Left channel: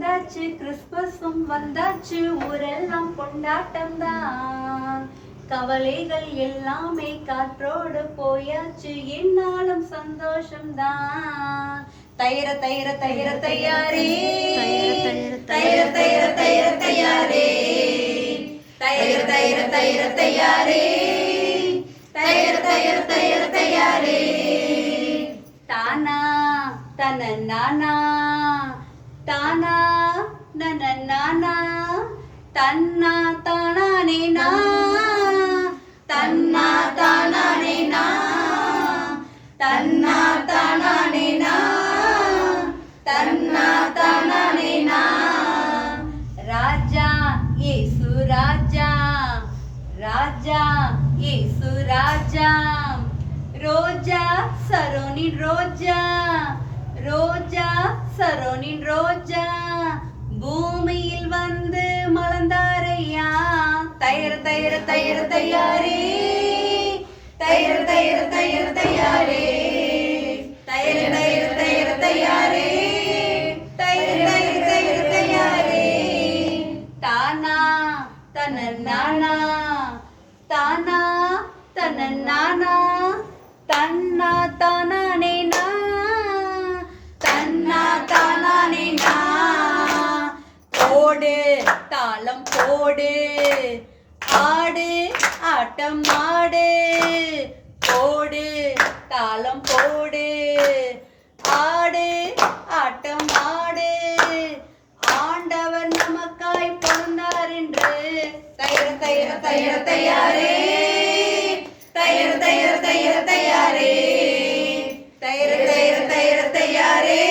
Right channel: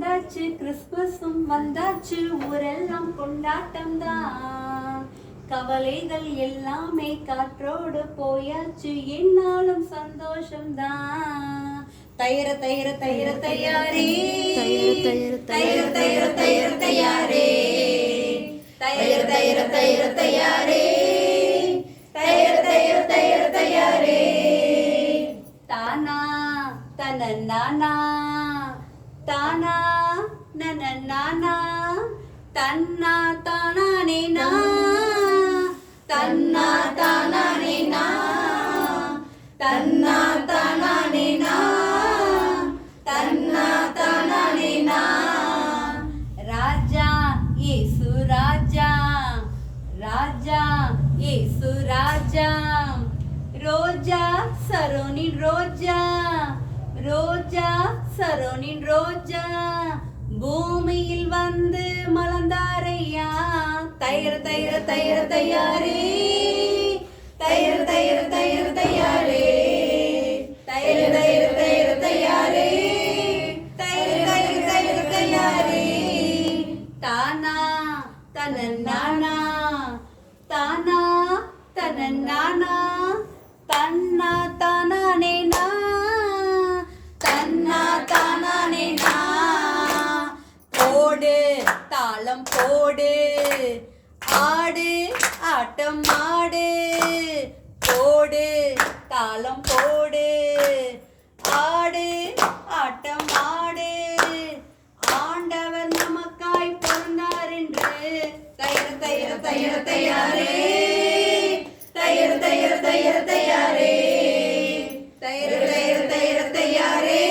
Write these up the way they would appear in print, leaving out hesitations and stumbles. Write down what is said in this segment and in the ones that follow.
வந்தாச்சு கிறிஸ்துமஸும் வந்தாச்சு, ஊரெல்லாம் கொண்டாட்டம் தான். கவலைகள் எல்லாமே காற்றோடு போயாச்சு, என்னாலும் சந்தோஷம் தான். தைர தைர தைர தையாரே, தைர தைர தைர தையாரே, தைர தைர தைர தையாரே, தைர தைர தைர தையாரே. தானா தன நானா, தானா நன நானா, தன்னா தானானே நா, தன்னா தானானே நா, தன்னா தானானே நா, தன்னா தானானே நா. ராஜா இயேசு ராஜா, ராஜா இயேசு ராஜா, ரோஜா சரோனின் ரோஜா, ரோஜா சரோனின் ரோஜா, பூமியில் வந்து மலர்ந்தாரையா. தைர தைர தைர தையாரே, தைர தைர தைர தையாரே, தைர தைர தைர தையாரே, தைர தைர தைர தையாரே. தானா தன நானா, தானா தன நானா, தன்னா தானானே நா, தன்னா தானானே நா. போடு தாளம் போடு, ஆடு ஆட்டம் ஆடு, போடு தாளம் போடு, ஆடு ஆட்டம் ஆடு. ஆண்டவர் நமக்காய் பிறந்தார் என்று. தைர தைர தைர தையாரே, தைர தைர தைர தையாரே, தைர தைர தைர தையாரே,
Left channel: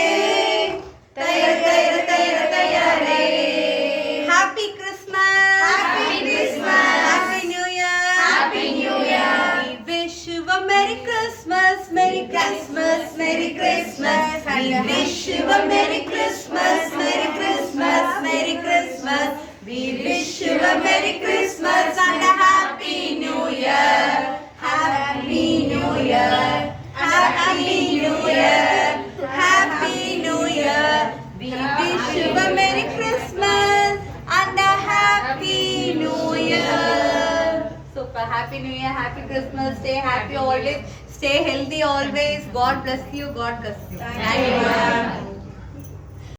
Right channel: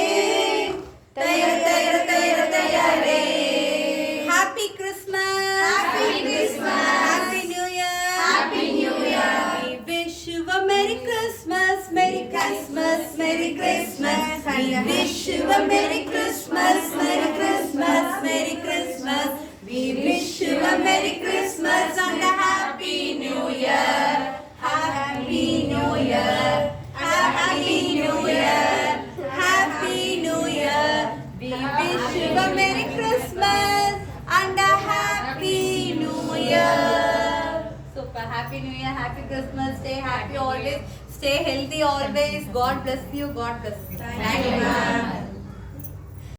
தைர தைர தைர தையாரே. Happy Christmas, happy Christmas, happy new year, happy new year. We wish you a Merry Christmas, Merry Christmas, Merry Christmas. We wish you a Merry Christmas, Merry Christmas, Merry Christmas. We wish you a Merry Christmas and a Happy New Year. Happy New Year, Happy New Year, Happy New Year. We wish you a Merry Christmas and a Happy New Year. Super, Happy New Year, Happy Christmas. Stay happy always, stay healthy always. God bless you, God bless you. Thank you.